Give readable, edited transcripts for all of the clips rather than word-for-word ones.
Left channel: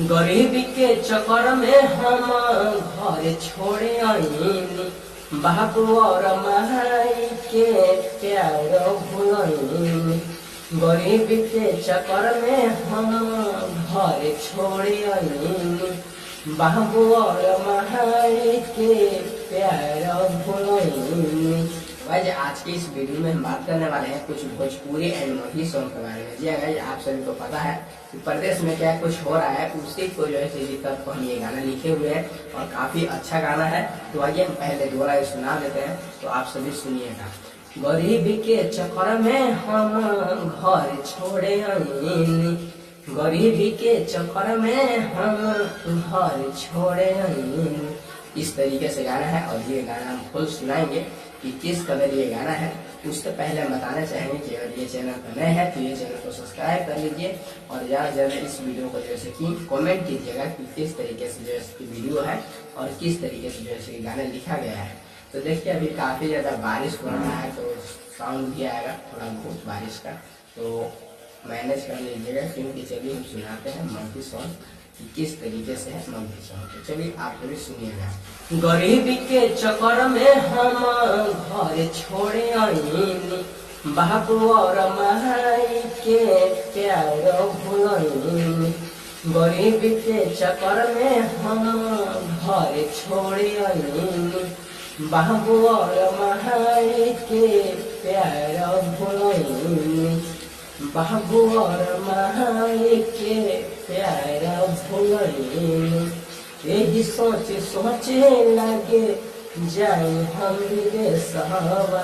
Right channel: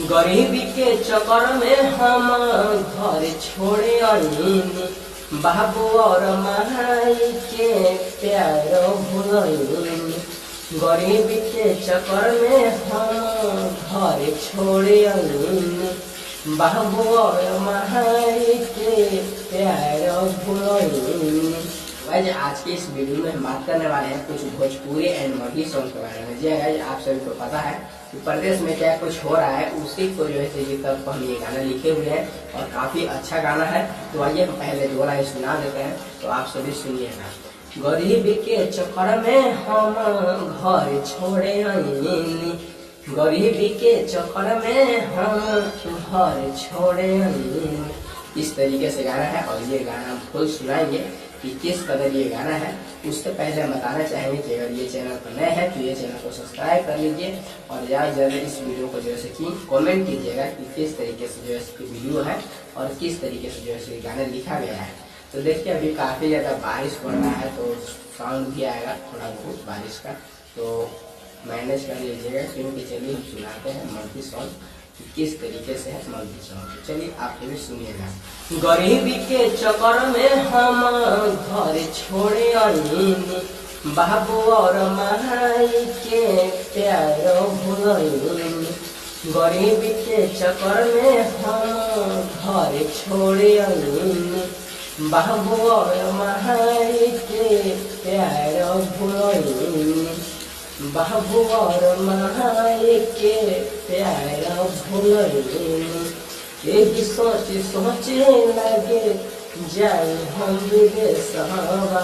गरीबी के चक्कर में हम घर छोड़े आईनी, बाबू और माई के प्यार भूलनी। गरीबी के चक्कर में हम घर छोड़े आईनी, बाबू और माई के प्यार भूलनी। गाइस आज के इस वीडियो में हम बात करने वाले हैं कुछ भोजपुरी एंड मराठी सॉन्ग के बारे में। जी गाइस आप सभी को पता है कि प्रदेश में क्या कुछ हो रहा है, उसी को जो है सीधी तौर पर हम ये गाना लिखे हुए हैं और काफी अच्छा गाना है। तो आइए हम पहले दो लाइन सुना देते हैं, तो आप सभी सुनिएगा। गरीबी के चक्कर में हम घर छोड़े आईनी, गरीबी के चक्कर में हम घर छोड़े आईनी। इस तरीके से गाना है और ये गाना हम फुल सुनाएंगे कि किस कदर ये गाना है। उससे पहले हम बताना चाहेंगे कि अगर ये चैनल पर नए हैं तो ये चैनल को सब्सक्राइब कर लीजिए और ज़्यादा से ज़्यादा इस वीडियो को जो है कि कमेंट कीजिएगा कि किस तरीके से जो है इसकी वीडियो है और किस तरीके से जो है गाना लिखा गया है। तो देखिए अभी काफ़ी ज़्यादा बारिश पड़ रहा है तो साउंड भी आएगा थोड़ा बहुत बारिश का, तो मैनेज कर लीजिएगा। क्योंकि चलिए हम सुनाते हैं मराठी सॉन्ग किस तरीके से है मराठी सॉन्ग। चलिए आप सभी सुनिएगा। गरीबी के चक्कर में हम घर छोड़े आईनी, बाबू और माई के प्यार भूलनी। गरीबी के चक्कर में हम घर छोड़े आईनी, बाबू और माई के प्यार भूलनी। बाबू और माई के प्यार भूलनी। यही सोच सोचे लगे जाए हम विदेशवा,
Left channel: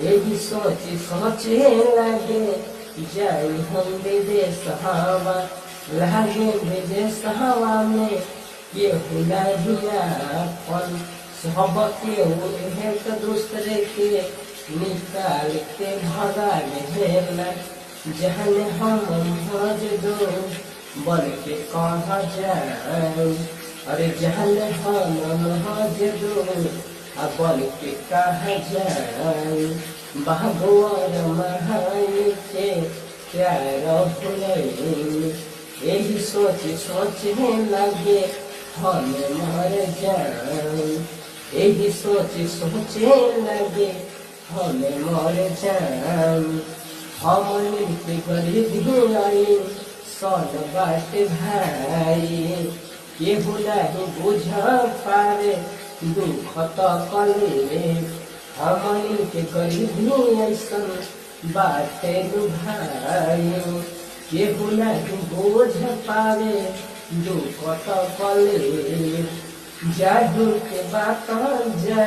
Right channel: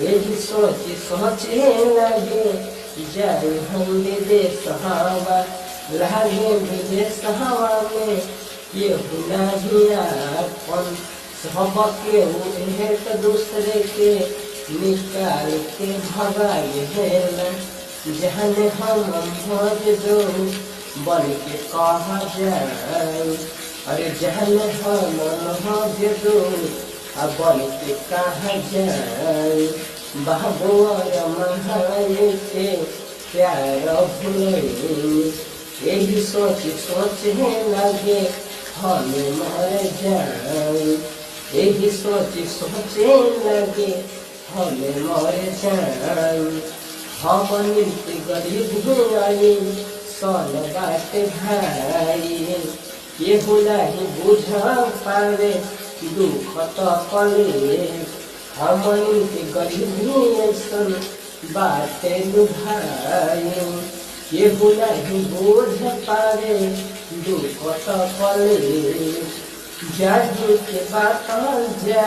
यही सोच सोचे लगे जाए हम विदेशवा। लगे विदेशवा में केहू नहीं अपन, सबके एक दूसरे के निकाल के भगा गए। जहन हम भज दो बन के कहा जाए, अरे जहन हम भज दो बन के कहा जाए। बाबू और माई के प्यार भूलनी। यही सोच सोचने लगे हम मर जाए, यही सोच सोचने लगे हम मर जाए। हम मिलके गरीब आई सन बाट भाई, केहू नहीं बुझ पावे दुख तकले। हम मिलके गरीब ऐसन बाटे भाई, केहू नहीं बुझ पावे दुख तकले। जाही के बात जा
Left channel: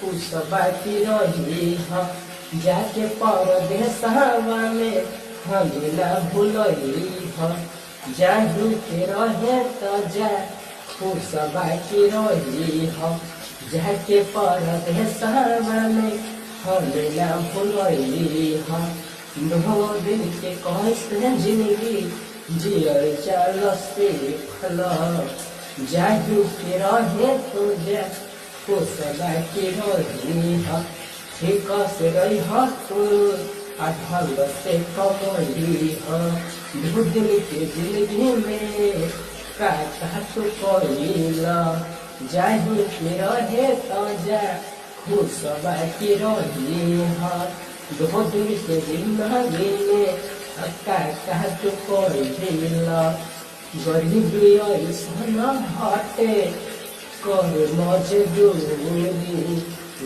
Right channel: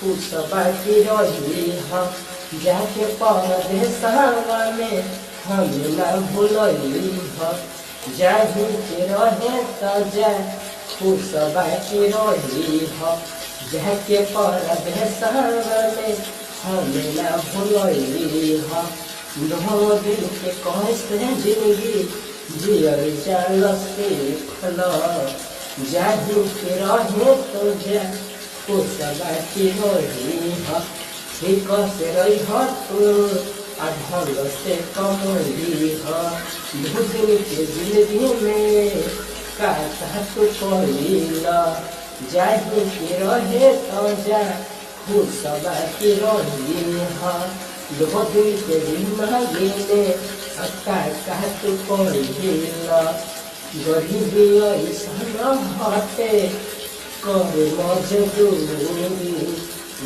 खुश बाकी रही हम, जाके परदेशवा में हम न भूलई ह। जाही के रहे तो जा खुश बाकी रही ह, जाके परदेशवा में हम न भूलई ह। दो दिल के कैसे जिंदगी जियल चल से खल, जाही के रहे तो जा खुश बाकी रही ह। ठीक से रही तू ढंग से कमई ह, दिन के जिंदगी में का तू कइला। जाही के रहे तो जा खुश बाकी रही ह, दो दिन के जिंदगी में का तू कइला। गरीबी ऐसन हटे कर मजदूरी,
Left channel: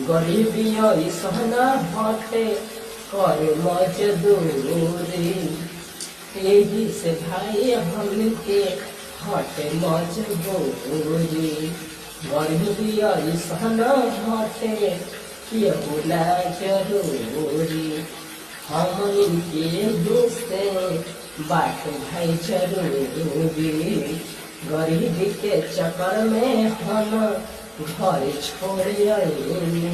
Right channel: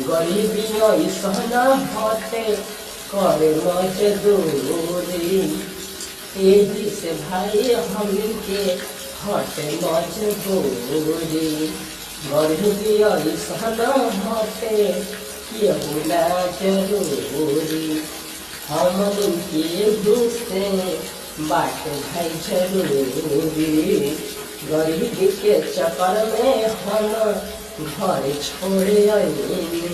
गरीबी ऐसन हटे कर मजदूरी। यही से भाई हमके हटे मजबूरी। गरीबी ऐसन हटे केहू ना जरूरी, हमके से बाट भाई जरूरी। गरीबी के चक्कर में हम घर छोड़े आईनी,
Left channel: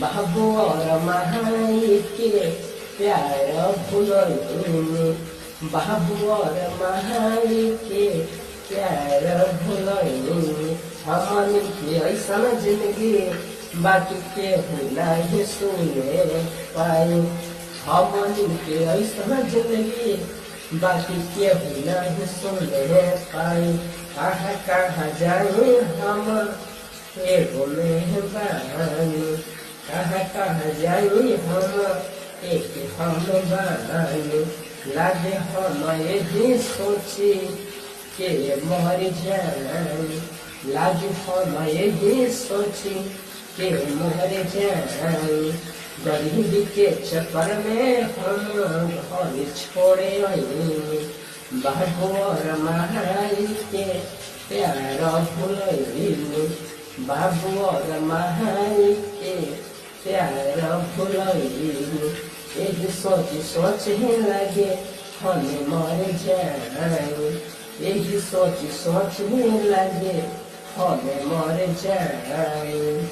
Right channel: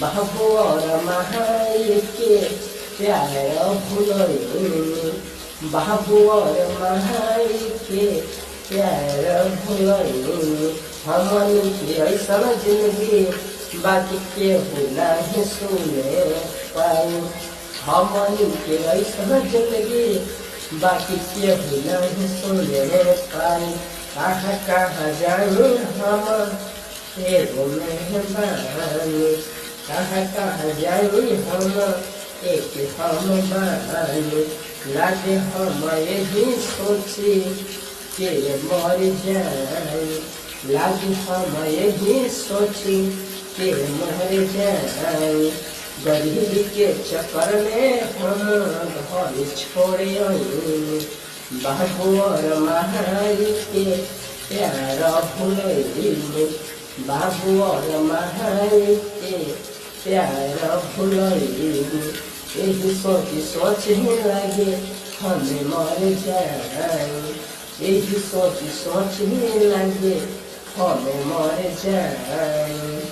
बाबू और माई के प्यार भूलनी। बाबू और माई के प्यार भूलनी। हमन के ऐसा जिंदगी बाकी केहू नहीं सुने पाई, हमन के ऐसा जिंदगी बाकी केहू नहीं सुने पाई। कहाँ कहाँ जाई हम एगो मेहबानी, कहाँ कहाँ जाई हम एक हम बानी। लागे हम यही सोची के मर जाई, लागे हम यही सोची के मर जाई। गरीबी के चक्कर में हम घर छोड़े आईनी, बाबू और माई के प्यार भूलैनी, बाबू और माई के प्यार भूलैनी। यही सोच ही लगे हमें मर जाए, यही सोच ही लगे हमें मर जाए।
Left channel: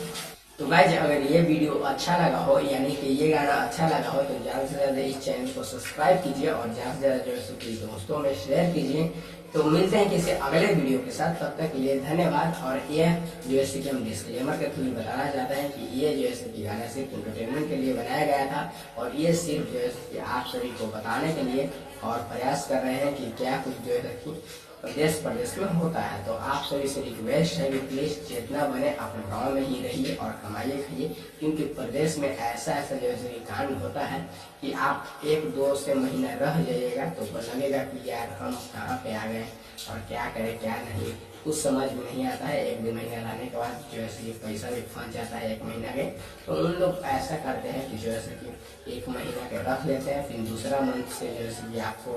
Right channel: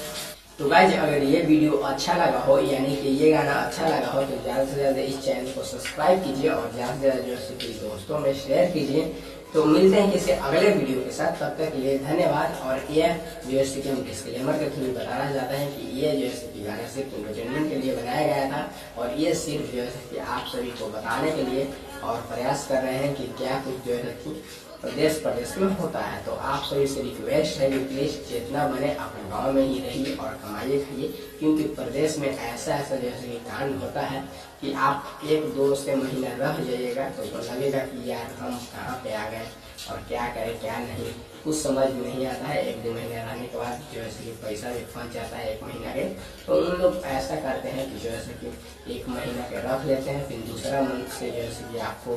तो गाइज अगर ये वीडियो अच्छा लगा हो यानी कि ये गाना अच्छा लगा हो तो ज़्यादा से ज़्यादा इस चैनल को सब्सक्राइब कीजिए और ज़्यादा से ज़्यादा जो है दोस्तों में शेयर कीजिए। तो मिलते हैं किसी अगले वीडियो के साथ, तब तक के लिए धन्यवाद। और ये जो है कि हम डिस्क्लेमर के थ्रू बताना चाहते हैं कि ये जो है कि गाना सिर्फ एंटरटेनमेंट के लिए बनाया गया था और ये सिर्फ जो है कि आप सभी को बताने के लिए और प्रयास कर रहे हैं कि क्या कुछ जो है कि प्रदेश में होता है। तो आप सभी से रिक्वेस्ट है कि प्लीज जितना बने अपने गांव में ही रहिए और कमाइए खाइए, क्योंकि प्रदेश में ऐसा जैसे कि कांड होता है कि आप 1-2 से महीना रह जाइएगा तो लगेगा कि यार हम कहाँ पे आ गए और क्या करें क्या नहीं, कुछ समझ में नहीं आता है। 1-2 महीना रहने के बाद जो है कि पैसा भी फंस जाता है 1 महीना के। तो उन लोग ऐसा करते हैं कि जो है कि 1 महीना के रख लेते हैं, फिर दूसरा मंथ से जो है कि आपको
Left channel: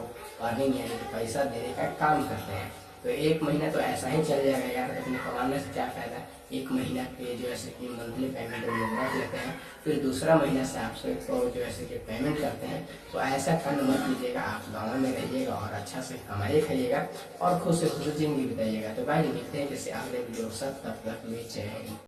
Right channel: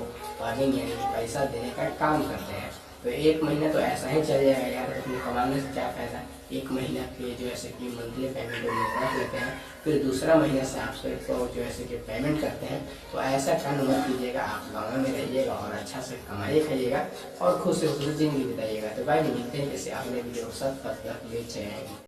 अर्निंग यानी कि पैसा देने का काम करते हैं। तो 1 महीना तो ऐसा ही चल जाएगा यार, तो अपने कमाने से क्या फायदा। 1 महीना के जो है कि मंथली पेमेंट लोग रख लेते हैं, फिर दूसरा महीना से आप सबको जो है कि पेमेंट करते हैं। तो ऐसा काम मत कीजिएगा, आप गाँव में रहिएगा और अच्छा से कमाइए खाइएगा और खुद से खुद जिंदगी बिताइएगा। तो गाइस मिलते हैं किसी अगले वीडियो के साथ, तब तक ले जय हिंद।